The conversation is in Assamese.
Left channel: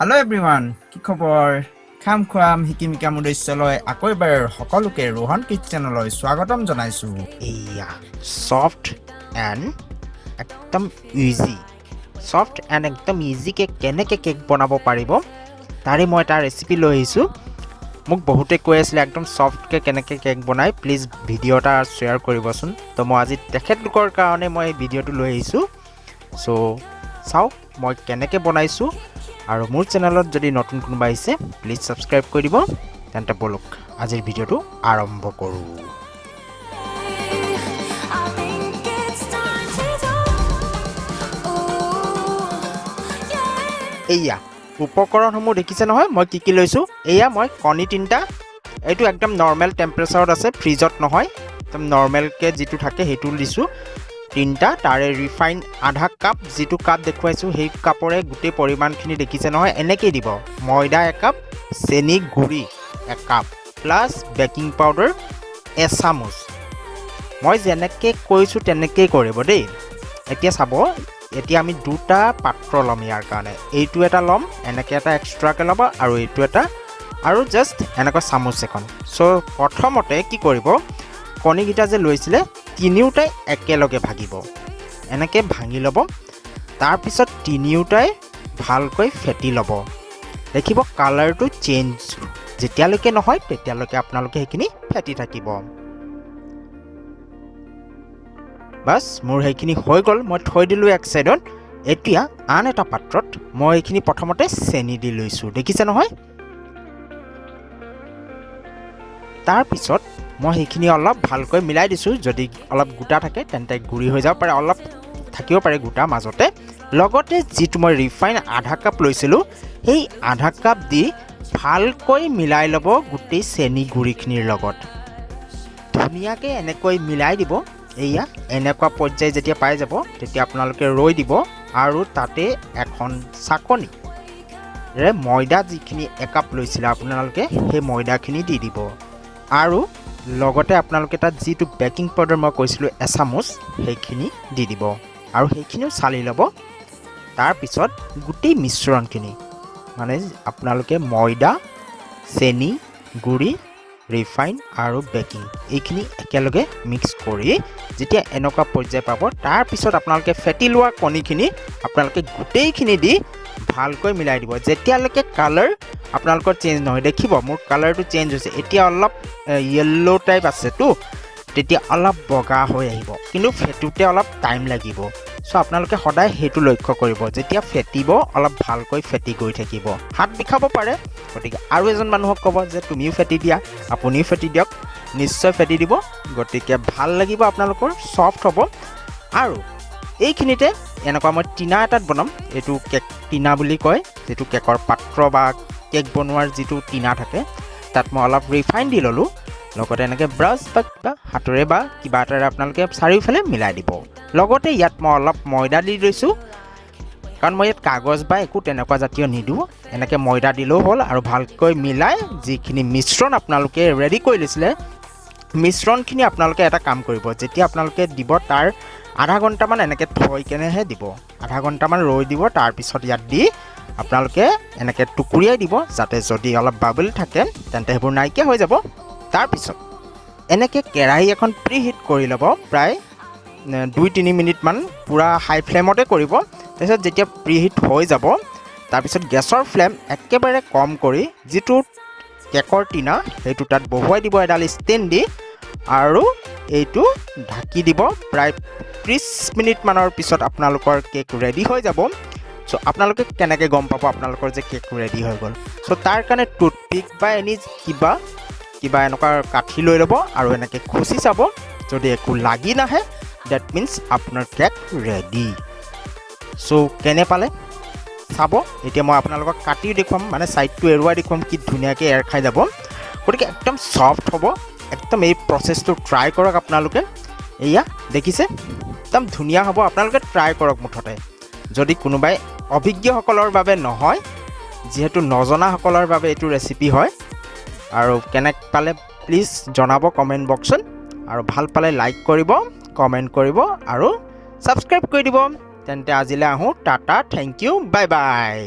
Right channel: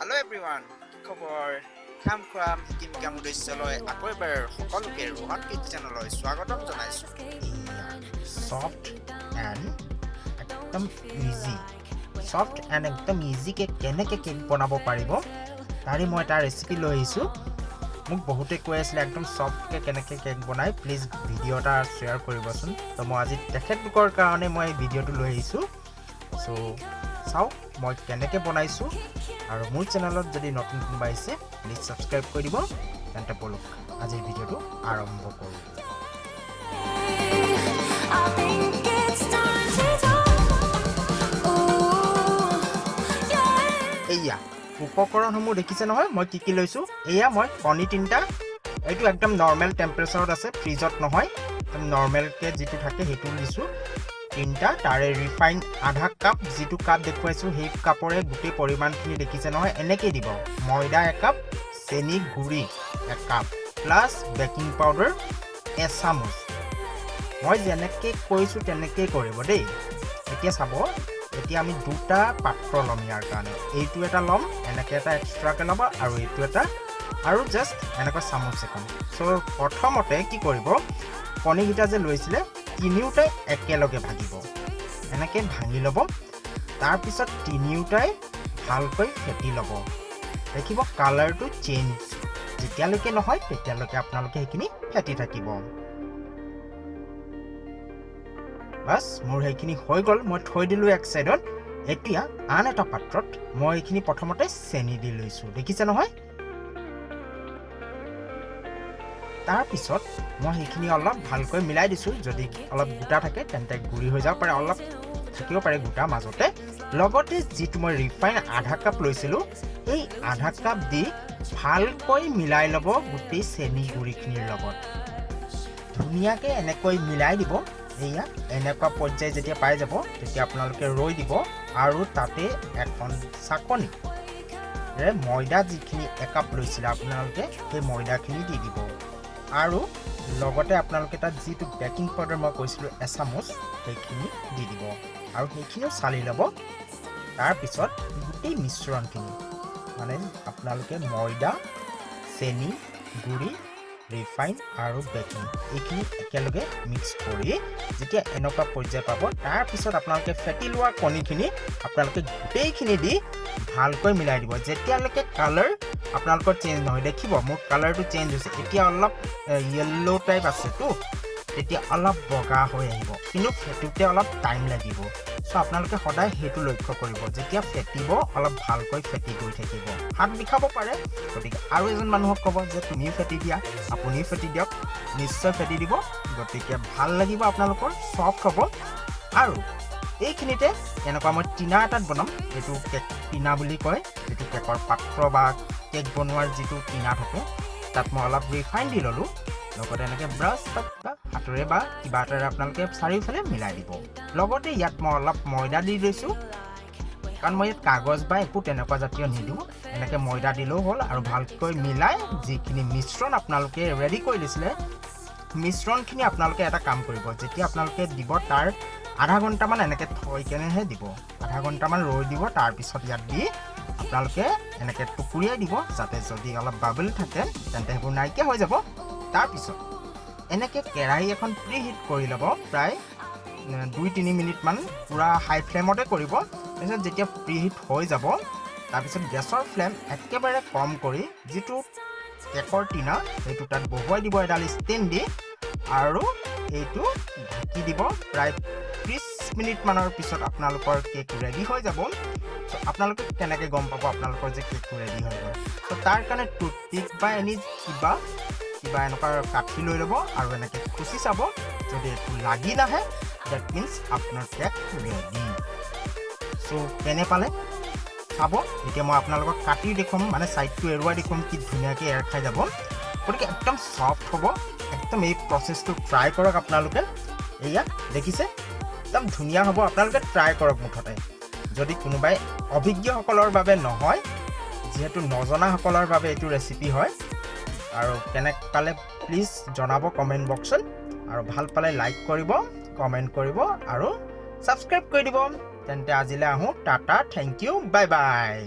Hello everyone, কি খবৰ? খাম খুৱাম হিকিমিকাম উদ্দেশ্যলৈ আকৌ এবাৰ সকলোকে ৰোহন কিচেনলৈ স্বাগতম জনাইছো। এয়া সফট এণ্ড একদম ইজি একদম ইজিকে কেনেকৈ কেক বনাব পাৰিব তাৰে মই এটা ৰেচিপি লৈ আহিছোঁ। মোক বহুতে কৈ আছিলে একদম সফটকৈ কেনেকৈ কেক বনায়, প্লিজ ভিডিঅ' এটা শ্বেয়াৰ কৰিবচোন। তো মই আজি তেখেতলোকৰ কাৰণে মই এই ভিডিঅ'টো লৈ আহিছোঁ। চ' চাওক মই কেনেকৈ বনাইছোঁ, আৰু মোৰ চেনেলত যদি নতুন কোনোবা আহিছে প্লিজ ছাবস্ক্ৰাইব কৰি দিব। তেন্তে বলক আজিৰ ভিডিঅ'টো আৰম্ভ কৰোঁ। এয়া উপকৰণসমূহ দেখিছে নহয়, মই কি লৈছোঁ। এয়া মই কণী 3টা, এইটো একদম নৰ্মেল টেম্পাৰেচাৰত আছে, ফ্ৰিজত নহয়, একদম নৰ্মেলকৈ যিটো থাকে সেইটো দিছোঁ 3টা। তাৰে ৰিফাইন আধা কাপ, যিটো কাপ দেখুৱাইছোঁ সেই কাপৰে গোটেই পৰিমাণখিনি দেখিছে নহয়, এনেকেই দিব। ময়দা 1 কাপ, চেনি গুড়ি 1 কাপ, প্লাছ বেকিং পাউডাৰ এচামুচ। মই যেনেকৈ কৈছোঁ তেনেকেই কৰিব দেই। এতিয়া চাব, এতিয়া আমি 2টা পাত্ৰ ল'ম ইয়াৰ কাৰণে। এইটো এটা ল'ম, এনেকৈ এটা এক্সট্ৰাকৈ ল'ব, আৰু এইটো এটা, আৰু জাষ্ট এনেকৈ চামুচ এখন। চ' প্ৰথমতে কি কৰিব, কণীকেইটা যে লৈছিলে তিনিওটাই একেলগে ভাগিব, এনেকৈ ভাঙি ল'ব। তাৰপিছত তিনিওটাই ভালকৈ ফেটি ল'ব। দেখিব কালাৰটো চেঞ্জ যেতিয়ালৈকে নহয় তেতিয়ালৈকে আপোনালোকে সেইখিনি ফেটি থাকিব। বাছ মোৰ সেইখিনি হৈ গ'ল, মই থৈ দিলোঁ এক ছাইডত। এতিয়া আন এটা পাত্ৰত মই এইখিনি প্ৰথমতে চেনি দি লৈছোঁ, দেখিছে নহয়। তাৰপিছত মই সেইখিনি অলপ ভালকৈ মিলাই দিছোঁ। যদি অলপ গোটা থাকে তেন্তে গুড়ি হৈ যাব পাৰে, অলপ থাকিব পাৰে গোটা মাজতে। লগতে যিটো মই ৰিফাইন আধা কাপ লৈছিলোঁ সেই আধা কাপ দি ভালকৈ মিলাই ল'ব গোটেই চেনি গুড়িখিনিৰ লগত। ধুনীয়াকৈ এনেকৈ মিলাই দিব। এয়া এনেকুৱা পৰ্যায় যেতিয়া পাই যাব তেতিয়া আপোনালোকে ৰৈ দিব, আৰু তাতে এখন চাকনিৰে ময়দা যিখিনি 1 কাপ লৈছিলে আপোনালোকে সেই ময়দাখিনি দি দিব, আৰু লগতে আপোনালোকে তাত যিটো বেকিং পাউডাৰ মই কৈছিলোঁ এচামুচ সেইখিনি দি দিব, আৰু সেইখিনিও চালি ল'ব। তাৰপিছত গোটেই মিশ্ৰণখিনি মানে আপোনালোকে ময়দা, চেনি গুড়ি, ৰিফাইন আৰু বেকিং এইখিনি একেলগে মিক্স কৰি যেতিয়া এনেকুৱা পৰ্যায় পাব, তাৰপিছত আপোনালোকে ফেটি লোৱা কণীখিনি আপোনালোকে গোটেইখিনি দি ভালকৈ মিলাই দিব যেতিয়ালৈকে কালাৰ আপোনালোকৰ চেঞ্জ নহয়। দেখিব মোৰ কালাৰটো চেঞ্জ হৈছে, এতিয়া অলপ য়েল্ল' টাইপ আছেতো, তেতিয়া অলপ বগা হৈ আহিব, কিন্তু ফেটোতে অলপ টাইম লাগিব। চ' আপোনালোকে সদায় সেইটো লক্ষ্য কৰিব, যেতিয়া ফেটিব অলপ ভালকৈ ফেটি গৈ থাকিব। হাত বিষাব পাৰে, গতিকে আৰু এজন মানুহক ক'ব যে তুমিও ফেটি দিয়া, আপুনিও ফেটি দিয়ক, নিশ্চয় ফেটি দিব। গতিকে ভাল লাগিব, আপোনালোকৰ ছফ্ট হ'ব। আৰু এইখিনিতে এনেকুৱা মই টিনা এটাত বনাম, এইটো কেক টিনা বুলি কয়, যিটো কেকৰ পাত্ৰ বা কেক বনোৱাৰ যিটো টিনা থাকে, তাত মই অলপ ৰিফাইন দি ল'লোঁ। লগতে এনেকৈ ব্ৰাছ বা হাতেৰে বা কিবা এটাৰে আপোনালোকে চাৰিওফালে মিলাই দিব। লগতে ইয়াত মই অলপ ময়দা দি লৈছোঁ, কাৰণ মই ইয়াত কাগজ বা একো তেনেকুৱা জাতীয় নিদিওঁ, এনেকৈ ময়দা দিলেও হ'ল। আৰু ভালকৈ মিলাই যিখিনি মিশ্ৰণ আপোনালোকে ৰেডি কৰি লৈছিলে, মিশ্ৰণখিনি আপোনালোকে এটা কাম কৰিব, যেতিয়া আপোনালোকে দিব তাৰ আধা ঘণ্টামান এনেকৈ থৈ কেনেহে দিব, আধা ঘণ্টামান ৰৈ দিব। তাৰপিছত ইয়াত দি আপোনালোকে এনেকৈ টুকুৰিয়াই দিব, যাতে যদি অলপ বাবল থাকে তেন্তে সেইবোৰ নাইকিয়া হৈ যাব। তাৰপিছত এনেকৈ কেৰাহী এখন প্ৰিহিট কৰি ল'ব, প্ৰায় 2-3 মিনিটমান পূৰা হাই ফ্লেমতে কৰিব। তাৰপিছত যেতিয়া প্ৰিহিট হৈ যাব, তাৰপিছত গেছৰ ফ্লেম একেবাৰে কম কৰি যিটো কেকৰ টিনা সেইটো তাত বহুৱাই দিব এডাল ষ্টেণ্ড দি, আৰু এইটো ঢাকি দিব। প্ৰায় 30 মিনিটমানৰ পিছত আপোনালোকৰ কেক ৰেডি হৈ যাব। চ' আপোনালোকে কেনেকৈ গম পাব আপোনালোকৰ যে কেক ৰেডি হৈ গ'ল? চ' তাৰ কাৰণে টুথপিক বা এনি কিবা এনেকুৱা কাঠি লৈ ল'ব, আৰু এনেকৈ খুচি চাব। যদি একো লাগি নাহে ডেট মিনছ আপোনাৰ কেক ৰেডি। চ' কেনে পালে চাব। এতিয়া মই আপোনালোকক কাটিও দেখুৱাম, মানে ছাইডটো এৰুৱাই দেখুৱাম, কি ধুনীয়াকৈ এৰ খাই যাব। গতিকে একদম ছফ্ট হ'ব, একদম এই প্ৰচেছটো ট্ৰাই কৰক আপোনালোকে। এয়া দেখিছে একদম ধুনীয়া হ'ব, আপোনালোকে ট্ৰাই কৰক মুঠতে। যদি কোনোবাই অভিজ্ঞসকলৰ বাবে নহয়, যিহেতু নজনাসকলৰ বাবে এইটো ৰেচিপি হয়। আৰু কেনে পালে প্লিজ জনাব কমেণ্ট বক্সত, আৰু ভাল পালে লাইক কৰিব, কমেণ্ট কৰিব, আৰু ছাবস্ক্ৰাইব কৰি দিব। তেন্তে আজিলৈ আহোঁ, tata, thank you, bye by.